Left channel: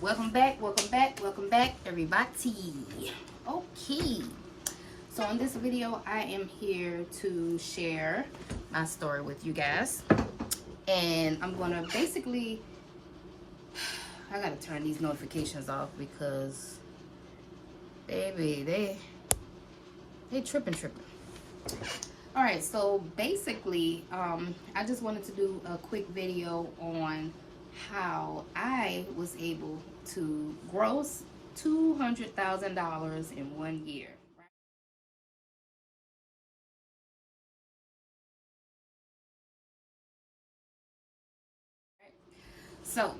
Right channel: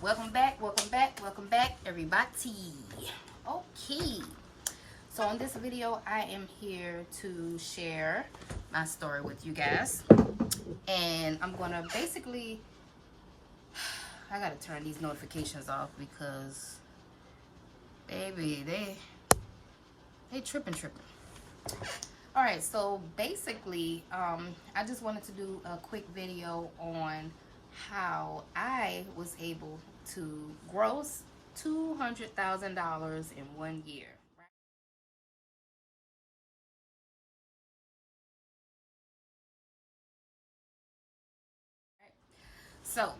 Welcome back, everybody. Okay, so in this video, I am here to share my story with you guys, and I'm gonna basically, I gotta turn these notifications off because, baby, they tripping. All right, so basically, I just wanted to do a quick video on how I was able to gross $200,000 in 1 year. So,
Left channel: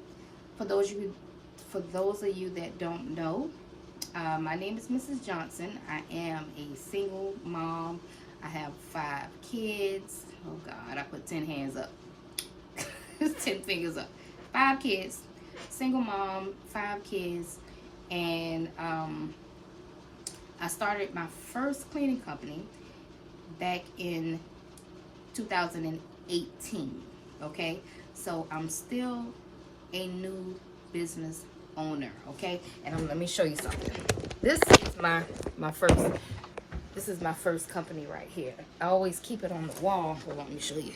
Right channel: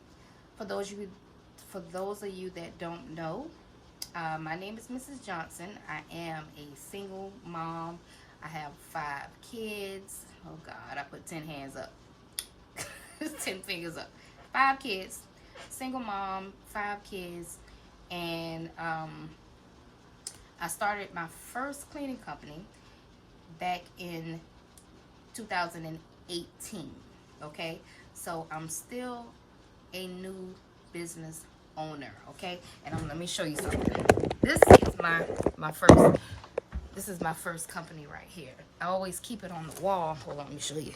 for those of you that don't know, my name is Mrs. Johnson. I am a single mom. I have 5 kids. Oh God, I put 10 hands up. 10 fingers up. 5 kids, single mom, 5 kids, and I started my first cleaning company back in 2018. Okay, so I'm still a new business owner. Okay, and let me show you something. This is my first. This is my first company right here. I always keep it on the wall. Hold on, let me show you.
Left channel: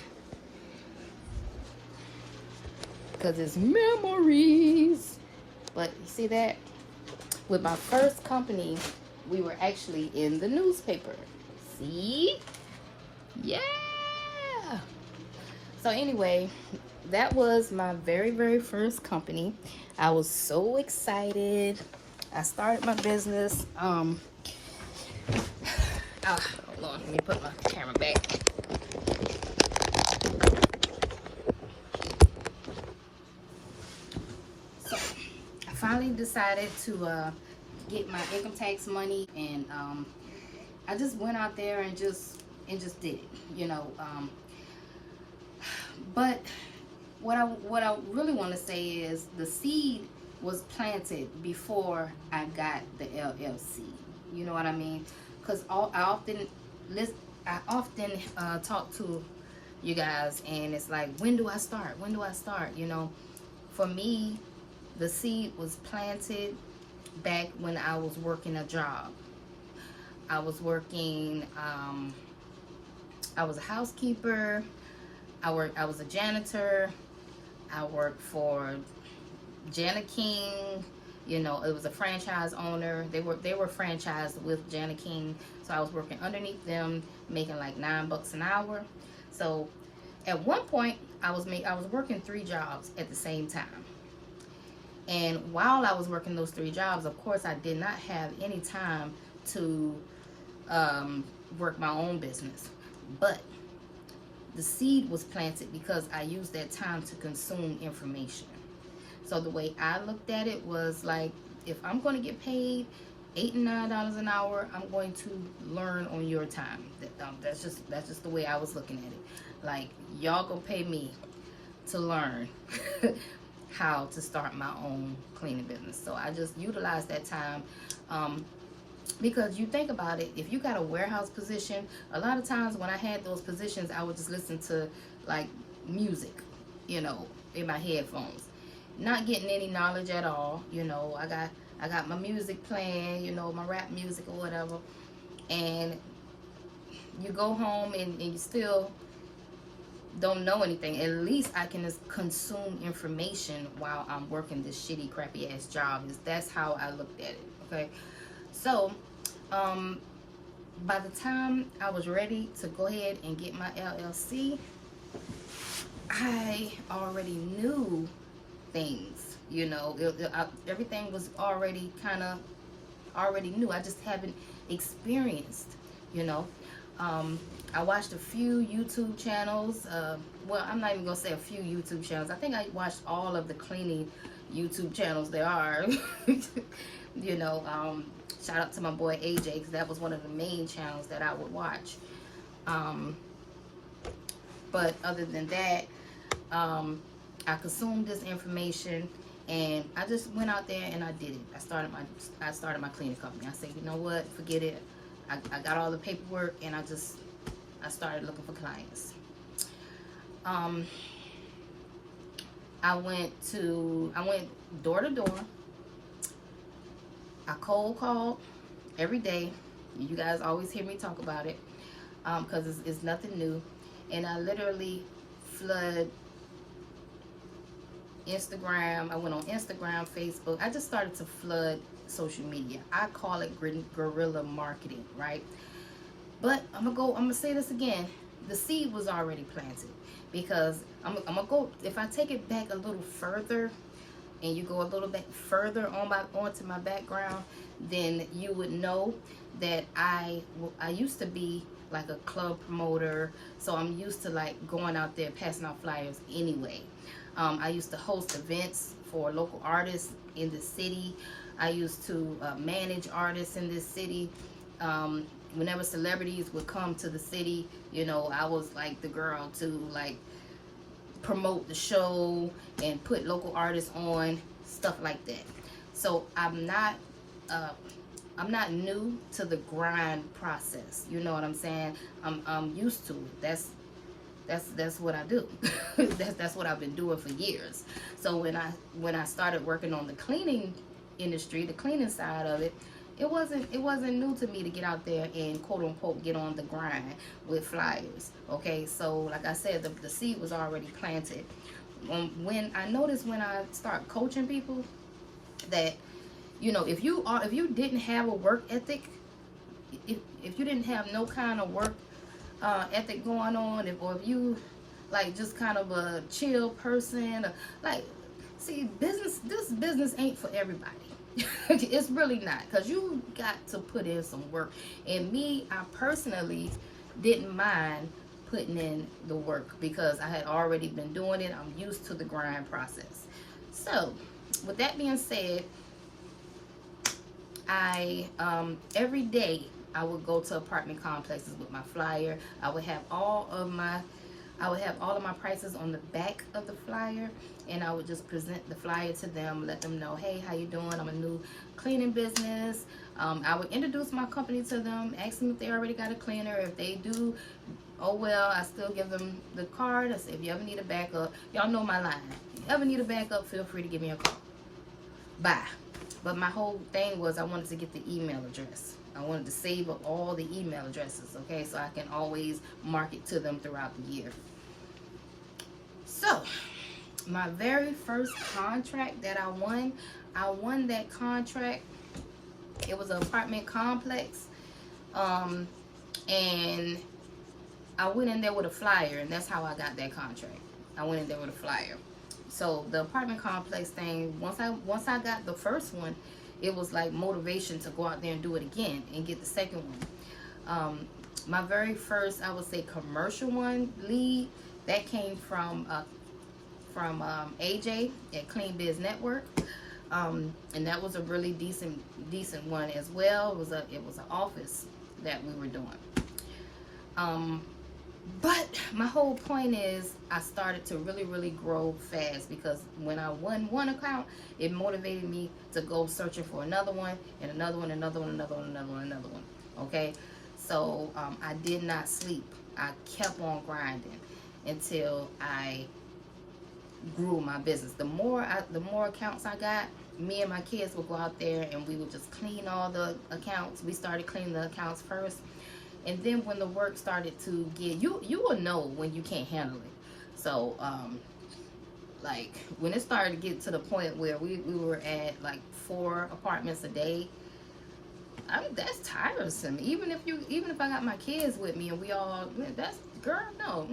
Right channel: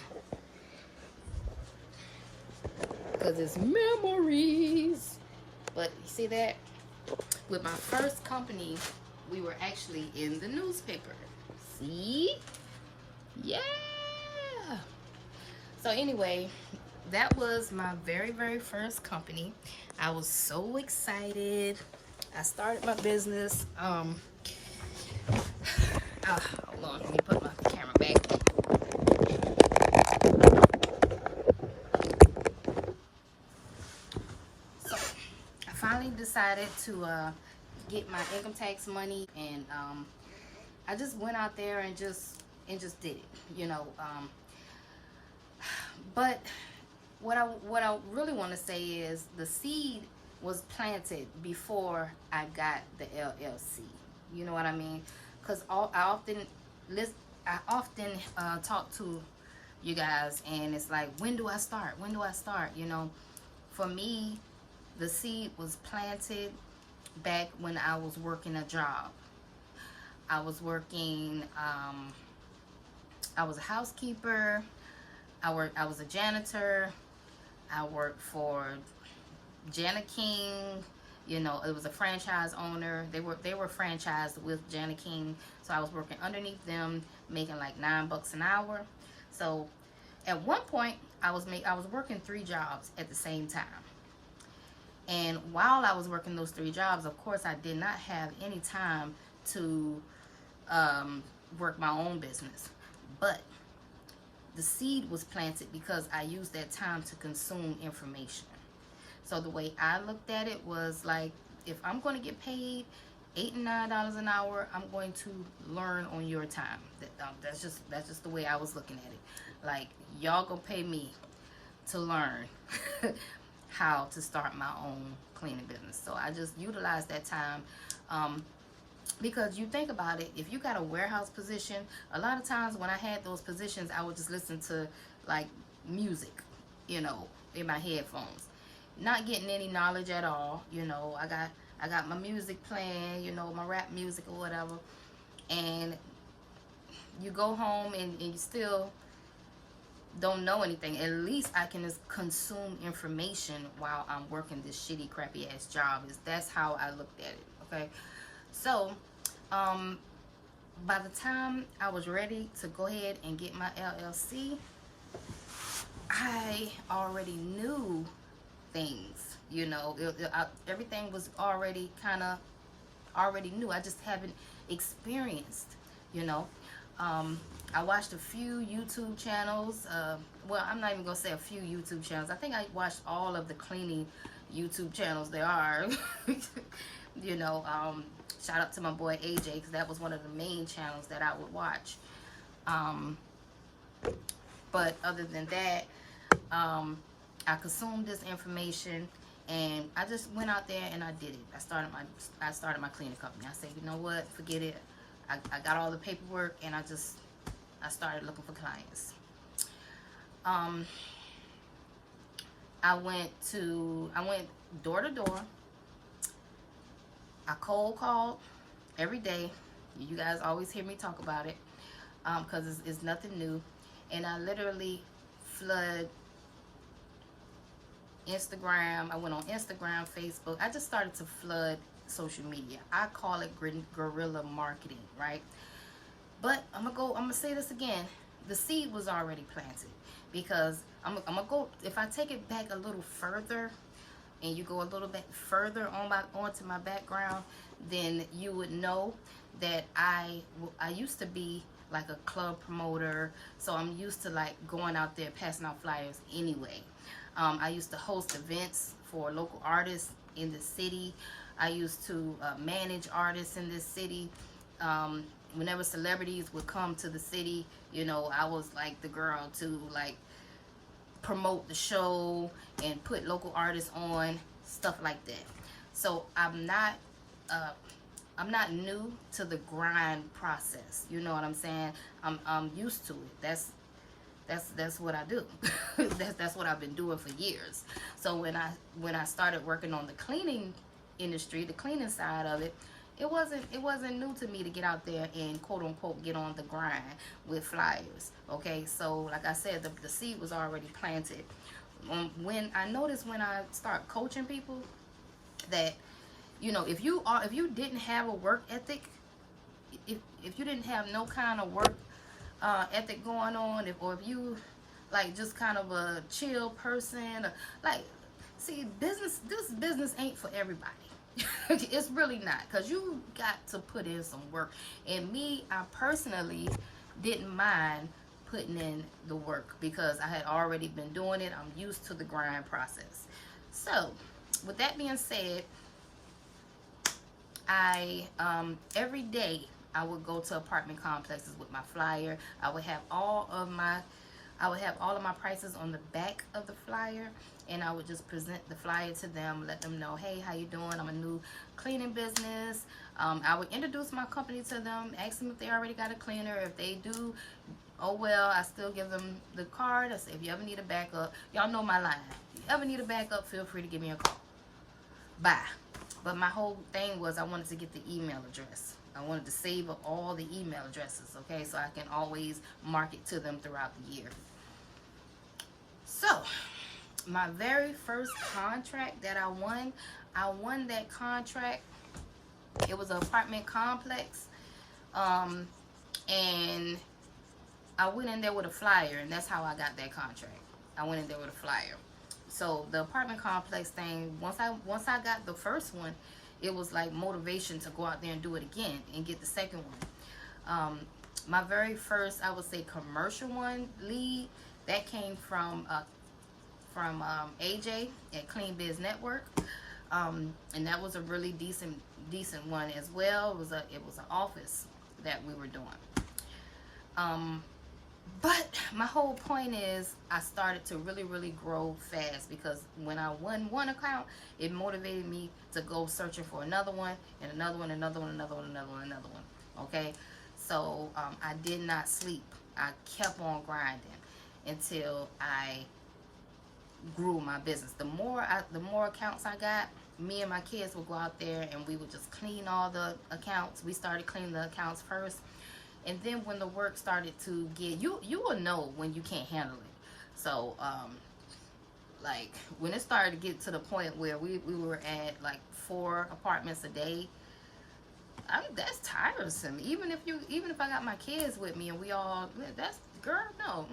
Because it's memories. But you see that? With my first company, we were actually in the newspaper. See? Yeah. So anyway, that was my very first company. I was so excited. I started my business. Hold on, let me put my camera back. So I finally decided to get my income tax money, and I just went out there and just did it, you know. But what I really want to say is the seed was planted before I got the LLC. You know what I mean? Because I often talk to you guys, and it's like, when do I start? When do I start? You know, for me, the seed was planted back when I was working a job. I was working. I was a housekeeper. I was a janitor. I worked for Jana King. You know, it was a franchise owner. They were franchised with Jana King, so I was working underneath them, making like $9 an hour. So at one point, I was working 3 jobs at the same time. And while I was working those 3 jobs, of course, I did not have any time to work my own business. But the seed was planted because I used that time to consume information. So the way I looked at it was like, if I'm going to get paid $8 and $9 an hour, I'm going to learn on your time. That's just the way I was looking at it. Like, y'all gonna pay me to learn how to start my own cleaning business. So I just utilized that time. Because you think about it, if you got a warehouse position, a lot of times when I had those positions, I would just listen to like music, you know, in my headphones, not getting any knowledge at all. You know, I got my music playing, you know, my rap music or whatever, and you go home and you still don't know anything. At least I can just consume information while I'm working this shitty, crappy ass job. That's how I looked at it. Okay. So, by the time I was ready to go ahead and get my LLC, I already knew things, you know. Everything was already new. I just haven't experienced, you know. I watched a few YouTube channels. Well, I'm not even gonna say a few YouTube channels. I think I watched all of the cleaning YouTube channels there are. You know, shout out to my boy AJ, because that was one of the main channels that I would watch. But other than that, I consumed this information, and I just went out there and I did it. I started my cleaning company. I said, you know what, forget it. I got all the paperwork, and I started looking for clients. I went door to door I cold called every day. You guys always hear me talk about it, because it's nothing new. And I literally flood Instagram. I went on Instagram, Facebook. I just started to flood social media. I call it guerrilla marketing, right? But I'm gonna say this again. The seed was already planted, because I'm gonna go, if I take it back a little further, and you go a little bit further onto my background, then you would know that I used to be like a club promoter, so I'm used to like going out there passing out flyers anyway. I used to host events for local artists in the city. I used to manage artists in this city. Whenever celebrities would come to the city, you know, I was like the girl to like promote the show and put local artists on, stuff like that. So I'm not new to the grind process. You know what I'm saying? I'm used to it. That's what I do. that's what I've been doing for years. So when I started working on the cleaning industry, the cleaning side of it, it wasn't new to me to get out there and quote unquote get on the grind with flyers. Okay, so like I said, the seed was already planted. When I noticed, when I start coaching people, that, you know, if you didn't have a work ethic, if you didn't have no kind of work ethic going on, or if you like just kind of a chill person, like, see, this business ain't for everybody. It's really not, because you got to put in some work. And me, I personally didn't mind putting in the work, because I had already been doing it. I'm used to the grind process. So with that being said, I every day I would go to apartment complexes with my flyer. I would have all of my prices on the back of the flyer, and I would just present the flyer to them, let them know, hey, how you doing? I'm a new cleaning business. I would introduce my company to them, ask them if they already got a cleaner. If they do, oh well, I still give them the card. I say, if you ever need a backup, y'all know my line. If you ever need a backup, feel free to give me a call. Bye. But my whole thing was, I wanted to get the email address. I wanted to save up all the email addresses, okay, so I can always market to them throughout the year. So my very first contract that I won that contract. It was an apartment complex, and I went in there with a flyer, and that's how I got that contract. I went in there with a flyer. So the apartment complex thing, once I got the first one, it was like motivation to go out there and do it again and get the second one. My very first, I would say, commercial one lead, that came from AJ at Clean Biz Network, and that was a really decent one as well. It was an office that we were doing. But my whole point is, I started to really grow fast, because when I won one account, it motivated me to go searching for another one, and another one, another one, another one, another one, another one. Okay, so I did not sleep. I kept on grinding until I grew my business. The more accounts I got, me and my kids would go out there and we would just clean all the accounts. We started cleaning the accounts first. And then when the work started to get, you will know when you can't handle it. So, like, when it started to get to the point where we were at like 4 apartments a day, I mean, that's tiresome. Even if I got my kids with me and we all, that's, girl, no.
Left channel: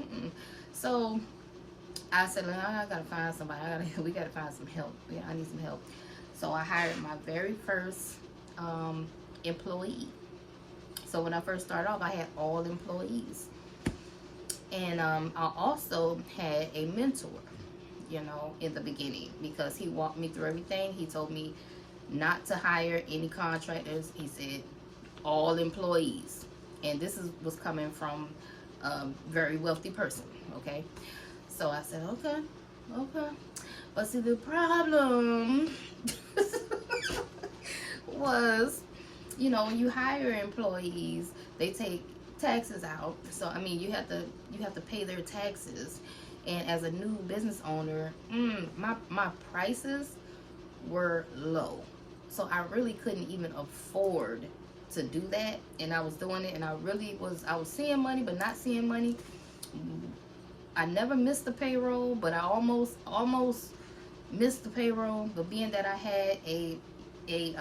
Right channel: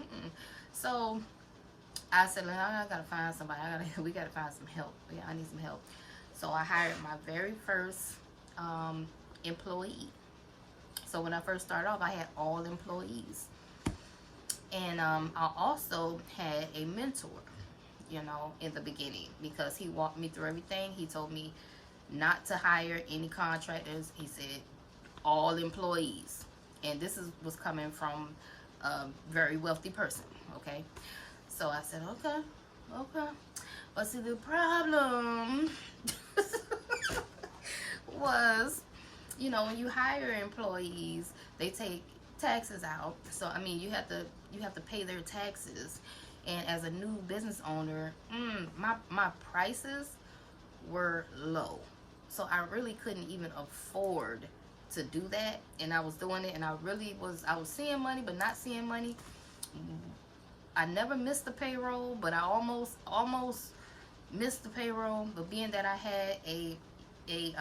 So I said, I gotta find somebody. We gotta find some help. Yeah, I need some help. So I hired my very first employee. So when I first started off, I had all employees. And I also had a mentor, you know, in the beginning, because he walked me through everything. He told me not to hire any contractors. He said all employees. And this was coming from a very wealthy person, okay? So I said, okay. But see, the problem was, you know, when you hire employees, they take taxes out. So I mean, you have to pay their taxes. And as a new business owner, my prices were low. So I really couldn't even afford to do that. And I was doing it, and I was seeing money, but not seeing money. I never missed the payroll, but I almost missed the payroll. But being that I had a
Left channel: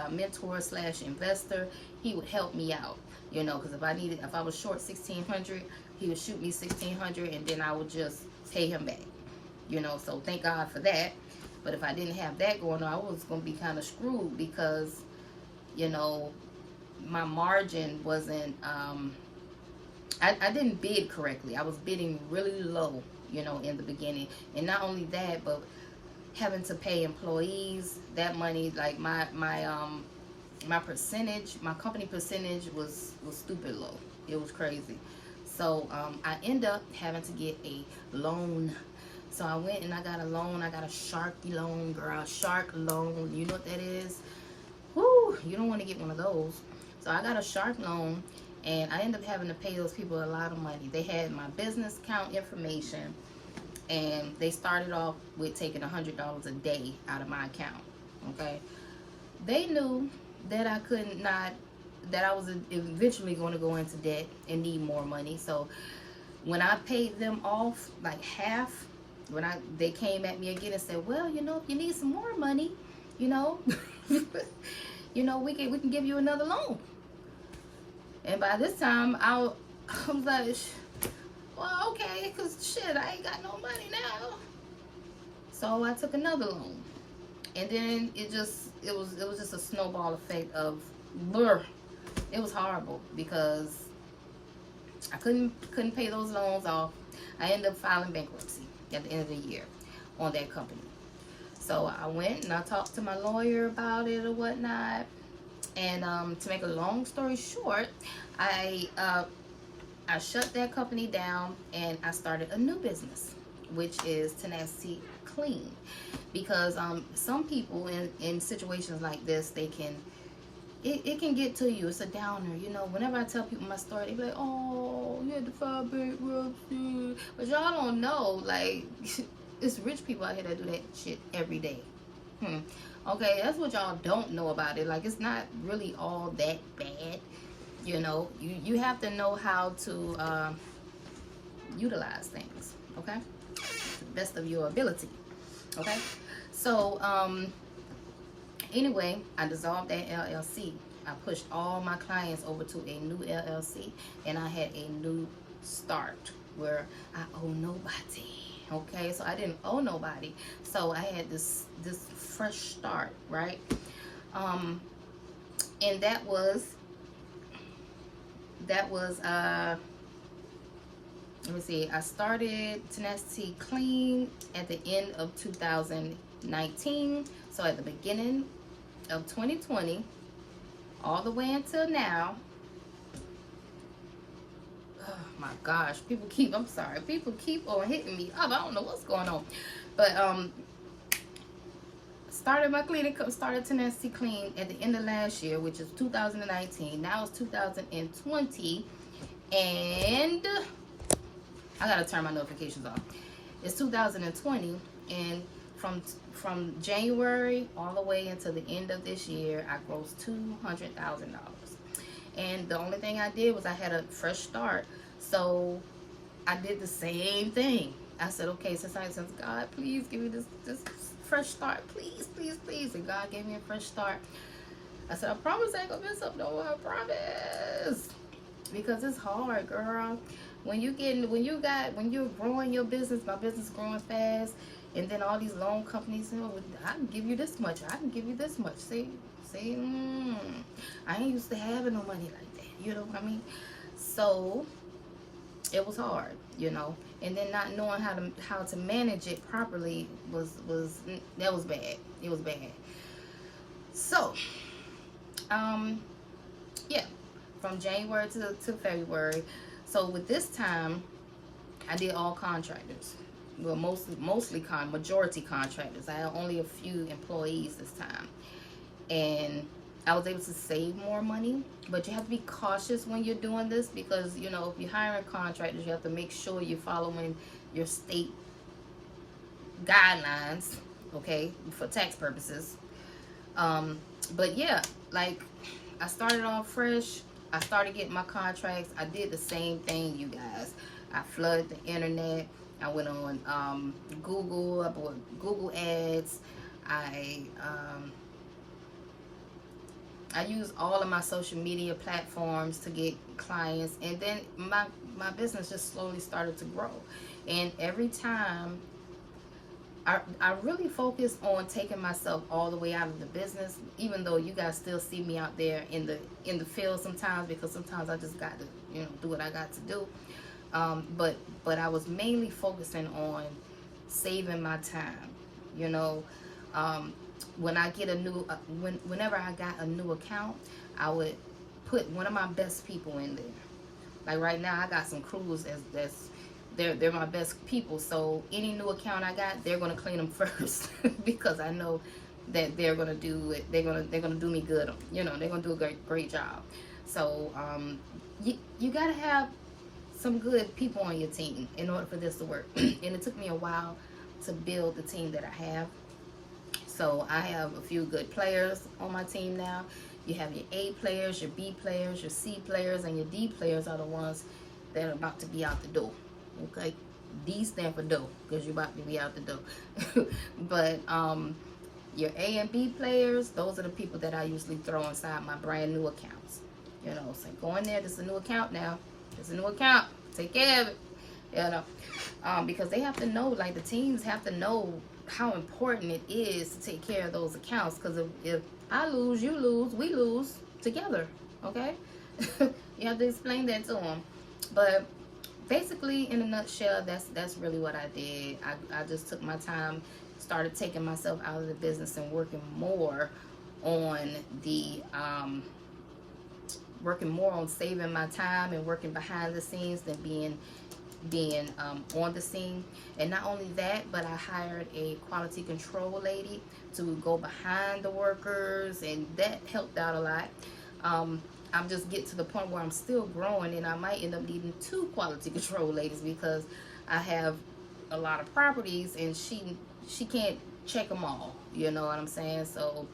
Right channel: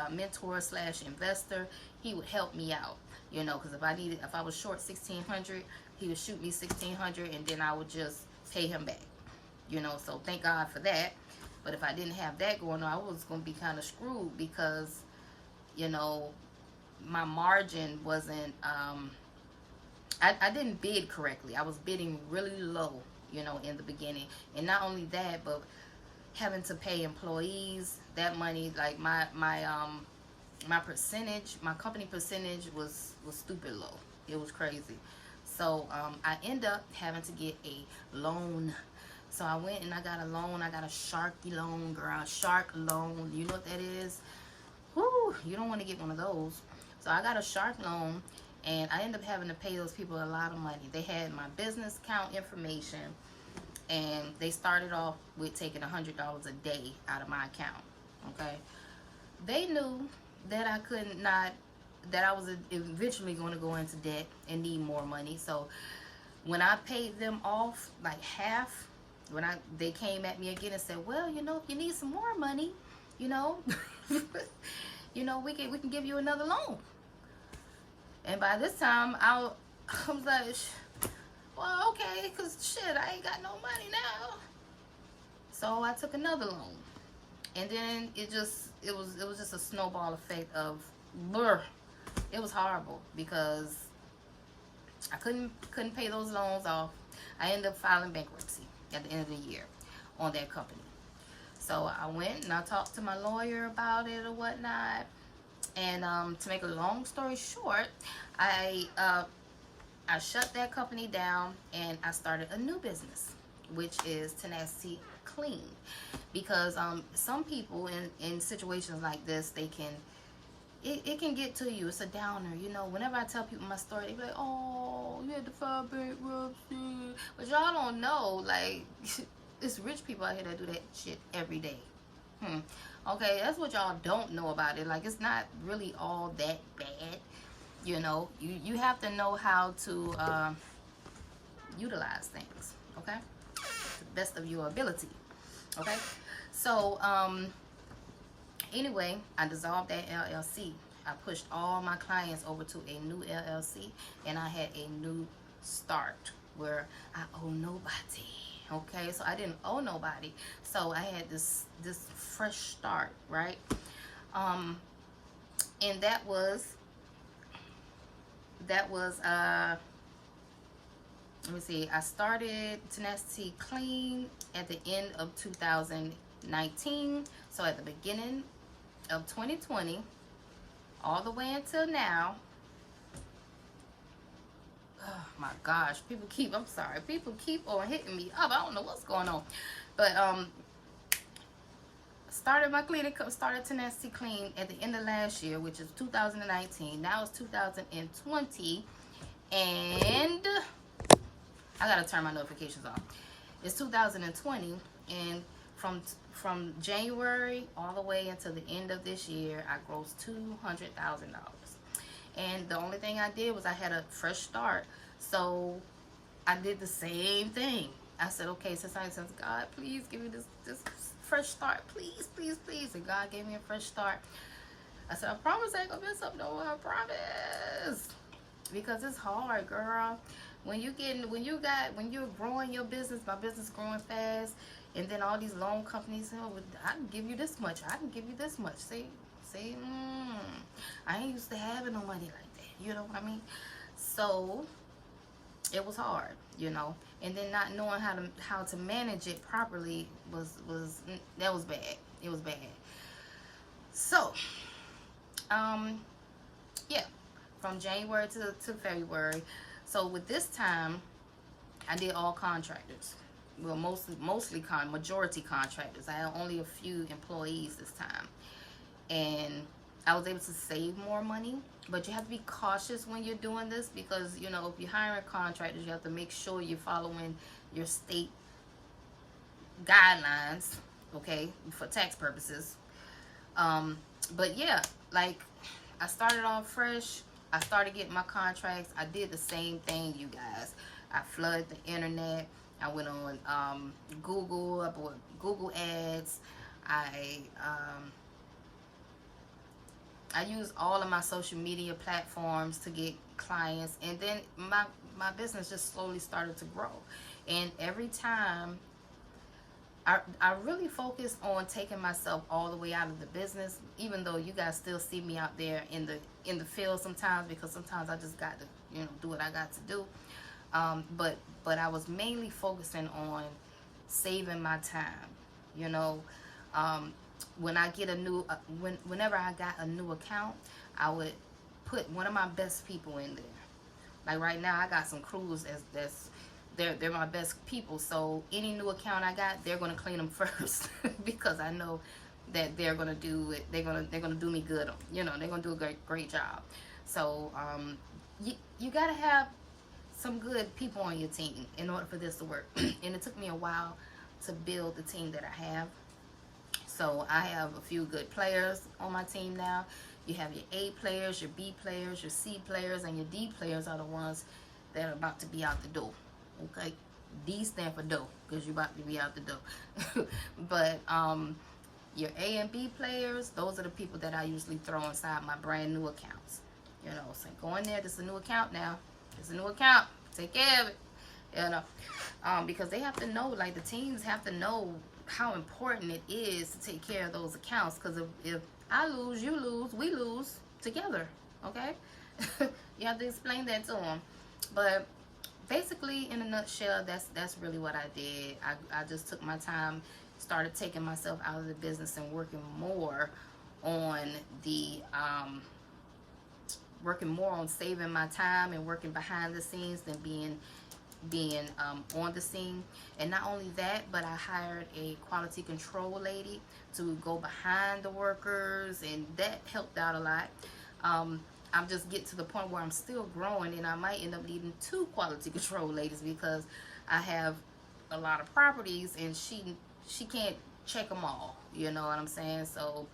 mentor slash investor, he would help me out, you know, because if I was short $1,600, he would shoot me $1,600, and then I would just pay him back, you know. So thank God for that. But if I didn't have that going on, I was going to be kind of screwed, because, you know, my margin wasn't, I didn't bid correctly. I was bidding really low, you know, in the beginning. And not only that, but having to pay employees that money, like my percentage, my company percentage was stupid low. It was crazy. So I end up having to get a loan. So I went and I got a loan. I got a Sharky loan, girl. Shark loan. You know what that is? Whoo, you don't want to get one of those. So I got a Shark loan, and I ended up having to pay those people a lot of money. They had my business account information, and they started off with taking $100 a day out of my account. Okay, they knew that that I was eventually going to go into debt and need more money. So when I paid them off like half, they came at me again and said, well, you know, if you need some more money, you know, you know, we can give you another loan. And by this time, I was like, well, okay, because shit, I ain't got no money now. So I took another loan. And then it was just a snowball effect of, it was horrible, because I couldn't pay those loans off. I ended up filing bankruptcy at the end of the year on that company. So I went and I talked to my lawyer about it or whatnot. And to make a long story short, I shut that company down, and I started a new business, which is Tenacity Clean. Because some people in situations like this, it can get to you. It's a downer, you know. Whenever I tell people my story, they be like, oh, you had to file bankruptcy. But y'all don't know, like, it's rich people out here that do that shit every day. Okay, that's what y'all don't know about it. Like, it's not really all that bad, you know. You have to know how to utilize things, okay, to the best of your ability. Okay, so anyway, I dissolved that LLC. I pushed all my clients over to a new LLC, and I had a new start where I owe nobody. Okay, so I didn't owe nobody, so I had this fresh start, right? And that was let me see, I started Tenacity Clean at the end of 2019. So at the beginning of 2020, all the way until now. Oh my gosh, people keep on hitting me up. I don't know what's going on. But started my clinic, started Tenacity Clean at the end of last year, which is 2019. Now it's 2020, and I gotta turn my notifications off. It's 2020, and from January all the way until the end of this year, I grossed $200,000. And the only thing I did was I had a fresh start. So I did the same thing. I said, okay, since God, please give me this fresh start, please, please, please. And God gave me a fresh start. I said, I promise I ain't gonna mess up, no, I promise. Because it's hard, girl. When you're growing your business, my business is growing fast, and then all these loan companies, you know, I can give you this much, I can give you this much. See, I ain't used to having no money like that. You know what I mean? So it was hard, you know. And then not knowing how to manage it properly was bad. It was bad. So, yeah, from January to February. So with this time, I did all contractors. Well, majority contractors. I had only a few employees this time. And I was able to save more money. But you have to be cautious when you're doing this, because, you know, if you're hiring contractors, you have to make sure you're following your state guidelines, okay, for tax purposes. But yeah, like, I started off fresh. I started getting my contracts. I did the same thing, you guys. I flooded the internet. I went on Google. I bought Google ads. I I use all of my social media platforms to get clients, and then my business just slowly started to grow. And every time I really focus on taking myself all the way out of the business, even though you guys still see me out there in the field sometimes, because sometimes I just got to, you know, do what I got to do. But I was mainly focusing on saving my time, you know. When I get a new, whenever I got a new account, I would put one of my best people in there. Like right now, I got some crews they're my best people. So any new account I got, they're gonna clean them first because I know that they're gonna do it. They're gonna do me good. You know, they're gonna do a great job. So you gotta have some good people on your team in order for this to work. And it took me a while to build the team that I have. So I have a few good players on my team now. You have your A players, your B players, your C players, and your D players are the ones that are about to be out the door. Okay, D stand for dough, because you're about to be out the door. But your A and B players, those are the people that I usually throw inside my brand new accounts. You know, so go in there. This is a new account now. It's a new account. Take care of it. You know, because they have to know, like the teams have to know how important it is to take care of those accounts. Because if I lose, you lose, we lose together. Okay, you have to explain that to them. But basically, in a nutshell, that's really what I did. I just took my time, started taking myself out of the business and working more on saving my time and working behind the scenes than being on the scene. And not only that, but I hired a quality control lady to go behind the workers, and that helped out a lot. I'm just getting to the point where I'm still growing, and I might end up needing 2 quality control ladies, because I have a lot of properties and she can't check them all, you know what I'm saying? So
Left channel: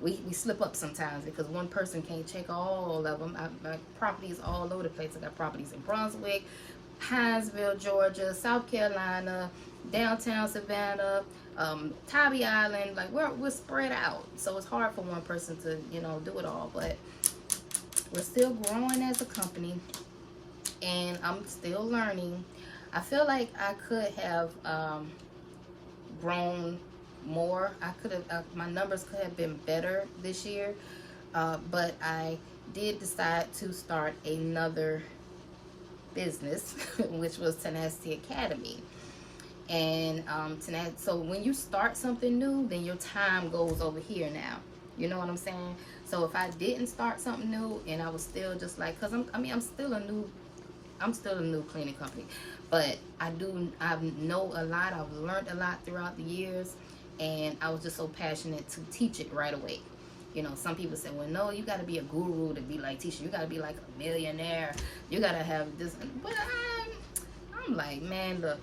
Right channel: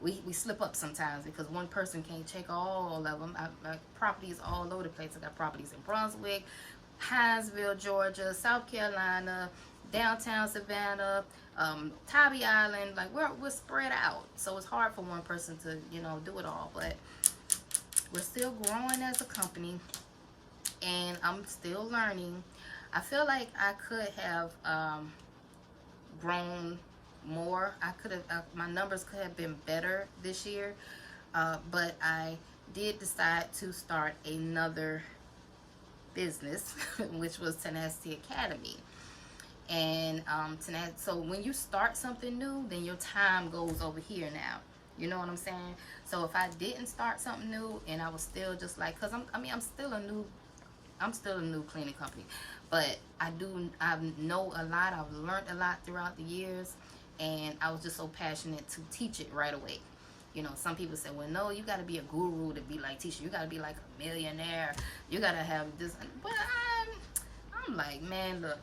we slip up sometimes because one person can't check all of them. My properties all over the place. I got properties in Brunswick, Hinesville, Georgia, South Carolina, downtown Savannah, Tybee Island. Like we're spread out, so it's hard for one person to, you know, do it all. But we're still growing as a company, and I'm still learning. I feel like I could have grown more. I could have, my numbers could have been better this year, but I did decide to start another business, which was Tenacity Academy. And so when you start something new, then your time goes over here now. You know what I'm saying? So if I didn't start something new and I was still just like, cause I'm still a new cleaning company, but I know a lot. I've learned a lot throughout the years, and I was just so passionate to teach it right away. You know, some people say, well, no, you got to be a guru to be like teacher. You got to be like a millionaire. You got to have this. But I'm like, man, look,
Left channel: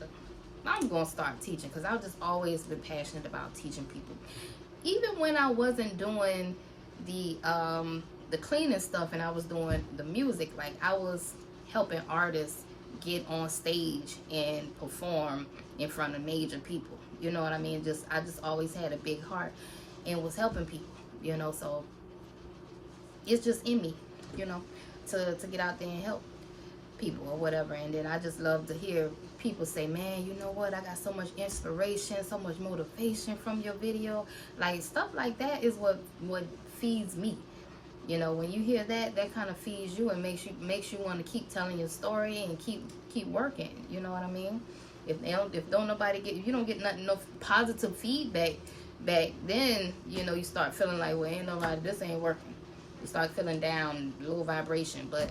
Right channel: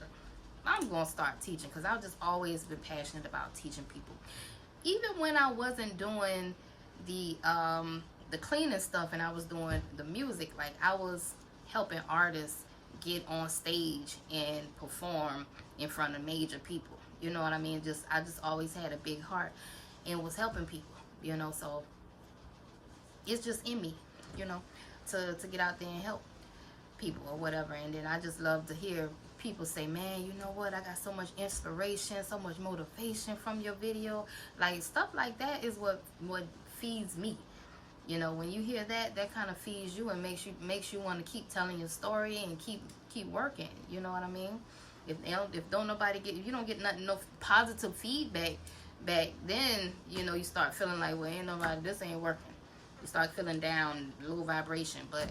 I'm going to start teaching, because I've just always been passionate about teaching people. Even when I wasn't doing the cleaning stuff and I was doing the music, like I was helping artists get on stage and perform in front of major people. You know what I mean? I just always had a big heart and was helping people, you know, so it's just in me, you know, to get out there and help people or whatever. And then I just love to hear people say, man, you know what, I got so much inspiration, so much motivation from your video. Like stuff like that is what feeds me. You know, when you hear that kind of feeds you and makes you want to keep telling your story and keep working. You know what I mean? If you don't get nothing, no positive feedback back, then you know you start feeling like, well, ain't nobody, this ain't working. You start feeling down, low vibration. But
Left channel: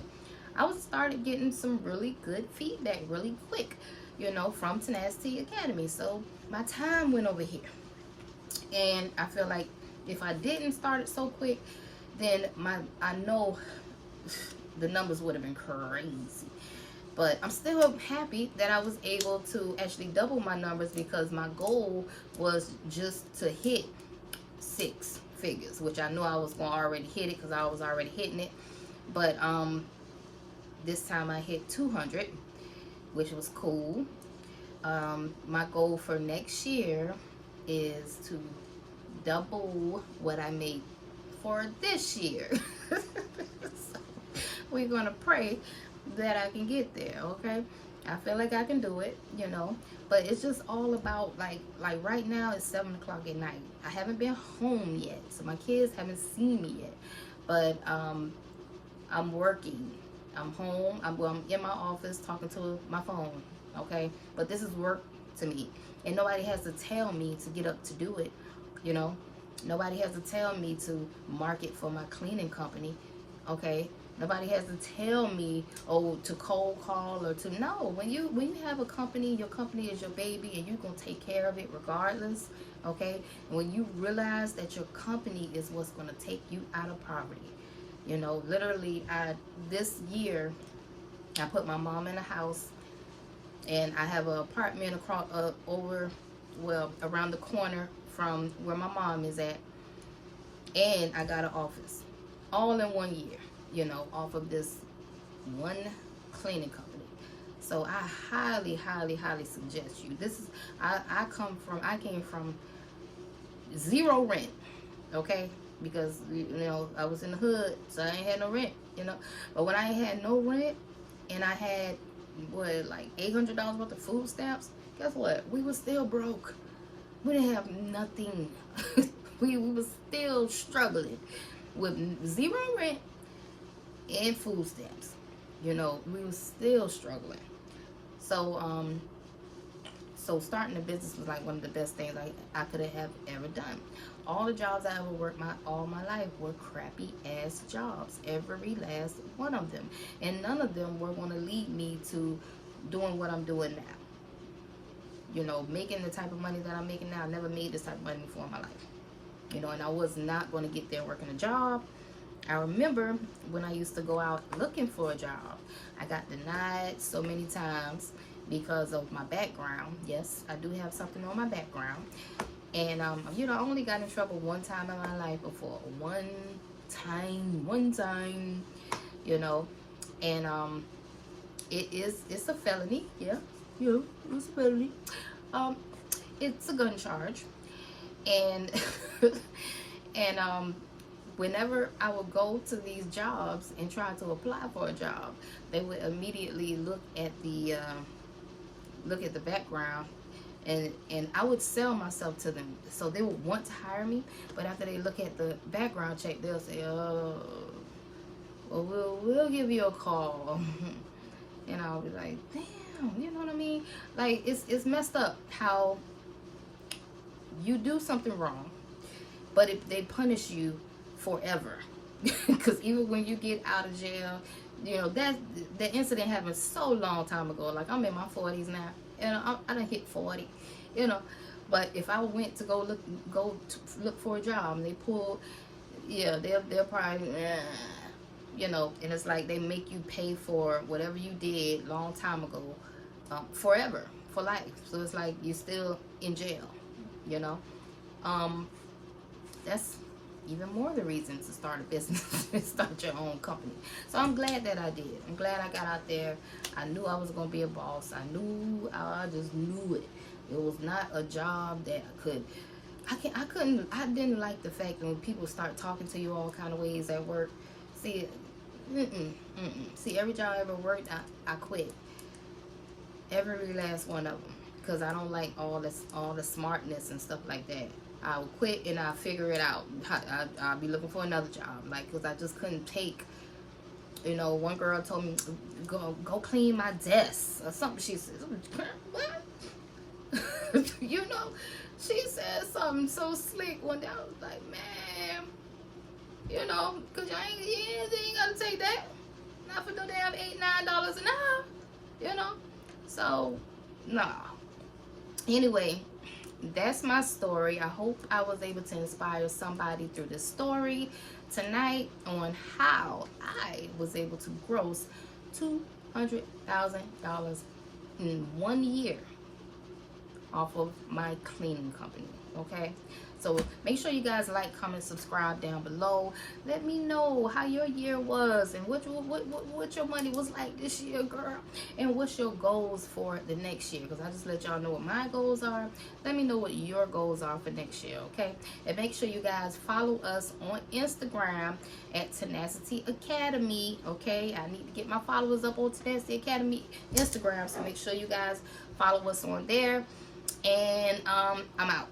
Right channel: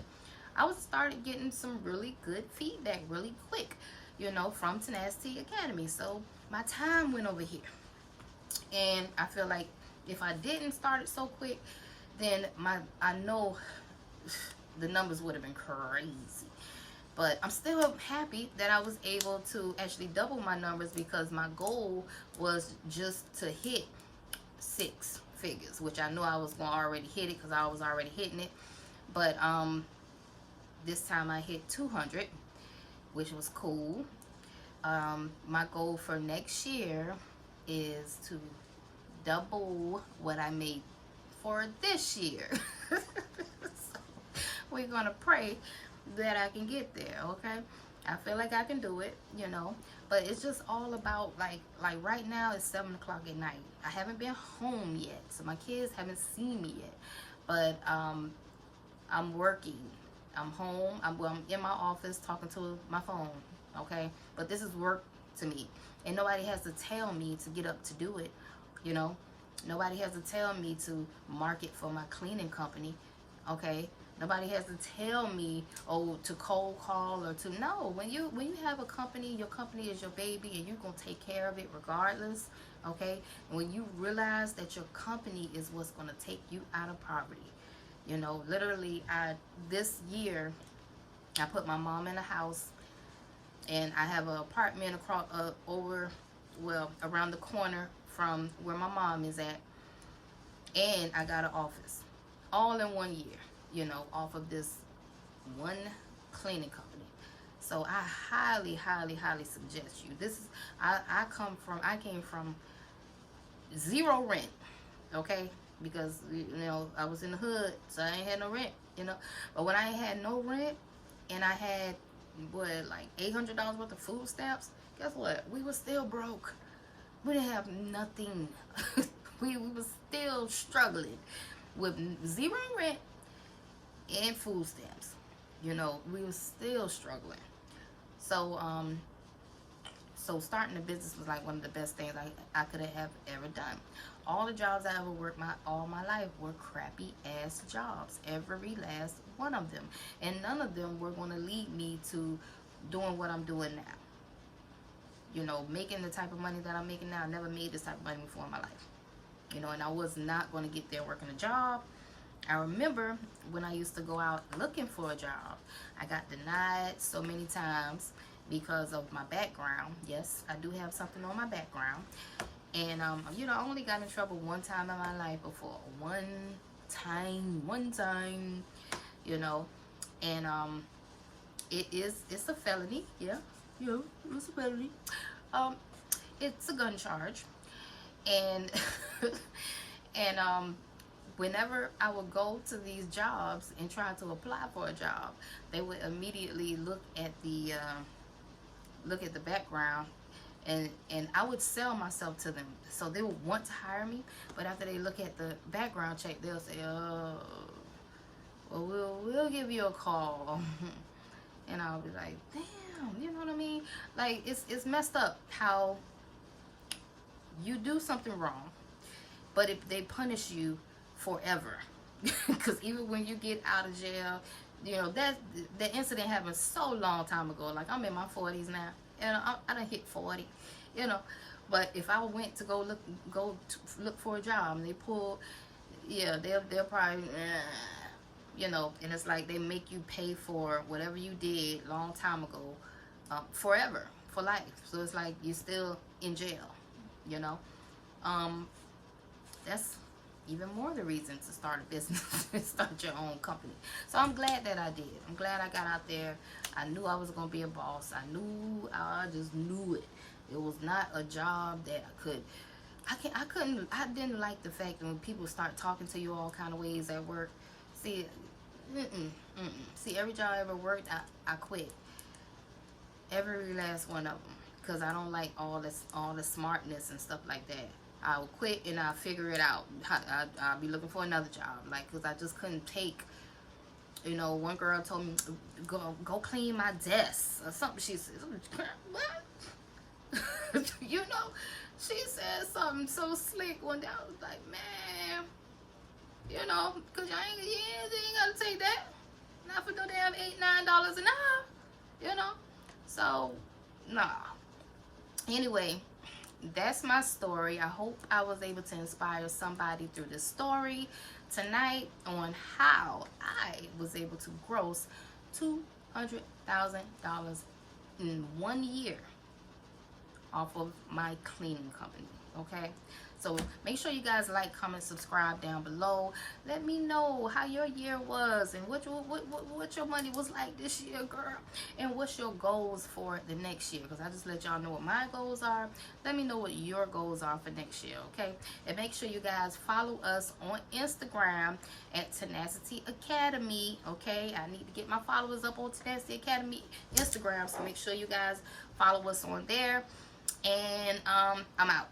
I started getting some really good feedback really quick, you know, from Tenacity Academy. So my time went over here, and I feel like if I didn't start it so quick, then I know the numbers would have been crazy. But I'm still happy that I was able to actually double my numbers, because my goal was just to hit 6 figures, which I knew I was going to already hit it because I was already hitting it. But this time I hit 200, which was cool. My goal for next year is to double what I made for this year. So we're gonna pray that I can get there. Okay, I feel like I can do it, you know, but it's just all about like right now it's 7 o'clock at night. I haven't been home yet, so my kids haven't seen me yet, but I'm working. I'm home. I'm in my office talking to my phone. Okay, but this is work to me, and nobody has to tell me to get up to do it. You know, nobody has to tell me to market for my cleaning company. Okay, nobody has to tell me, oh, to cold call or to no. When you have a company, your company is your baby, and you're gonna take care of it regardless. Okay, and when you realize that your company is what's gonna take you out of poverty. You know, literally, this year I put my mom in a house, and I have an apartment across around the corner from where my mom is at, and I got an office, all in 1 year. You know, off of this one cleaning company. So I highly, highly, highly suggest you. This is I came from zero rent, okay? Because, you know, I was in the hood, so I ain't had no rent, you know. But when I ain't had no rent, and I had, like $800 worth of food stamps, guess what? We were still broke. We didn't have nothing. we were still struggling with zero rent and food stamps. You know, we were still struggling. So, so starting a business was like one of the best things I could have ever done. All the jobs I ever worked all my life were crappy ass jobs, every last one of them, and none of them were going to lead me to doing what I'm doing now. You know, making the type of money that I'm making now. I never made this type of money before in my life. You know, and I was not going to get there working a job. I remember when I used to go out looking for a job, I got denied so many times because of my background. Yes, I do have something on my background. And, you know, I only got in trouble one time in my life before. One time, you know. And, it's a felony. Yeah, it's a felony. It's a gun charge. And, and, whenever I would go to these jobs and try to apply for a job, they would immediately look at the background, and I would sell myself to them, so they would want to hire me. But after they look at the background check, they'll say, "Oh, well, we'll give you a call," and I'll be like, "Damn," you know what I mean? Like it's messed up how you do something wrong, but they punish you forever. Because even when you get out of jail, you know, the incident happened so long time ago. Like, I'm in my 40s now, and I done hit 40, you know. But if I went to go look for a job and they pull, yeah, they'll probably, you know. And it's like they make you pay for whatever you did long time ago, forever, for life. So it's like you're still in jail, you know. That's even more the reason to start a business and start your own company. So I'm glad that I did. I'm glad I got out there. I knew I was going to be a boss. I just knew it. It was not a job that I didn't like the fact that when people start talking to you all kind of ways at work. See, See, every job I ever worked, I quit. Every last one of them. Because I don't like all the smartness and stuff like that. I'll quit and I'll figure it out. I'll be looking for another job, like, because I just couldn't take, you know, one girl told me, go clean my desk or something. She said, what? You know, she said something so slick one day. I was like, man, you know, because you ain't got to take that. Not for no damn $8, $9 an hour, you know. So, nah. Anyway, that's my story. I hope I was able to inspire somebody through this story tonight on how I was able to gross $200,000 in 1 year off of my cleaning company. Okay, So make sure you guys like, comment, subscribe down below. Let me know how your year was and what your money was like this year, girl, and what's your goals for the next year, because I just let y'all know what my goals are. Let me know what your goals are for next year, okay? And make sure you guys follow us on Instagram at Tenacity Academy, okay? I need to get my followers up on Tenacity Academy Instagram, so make sure you guys follow us on there. And I'm out.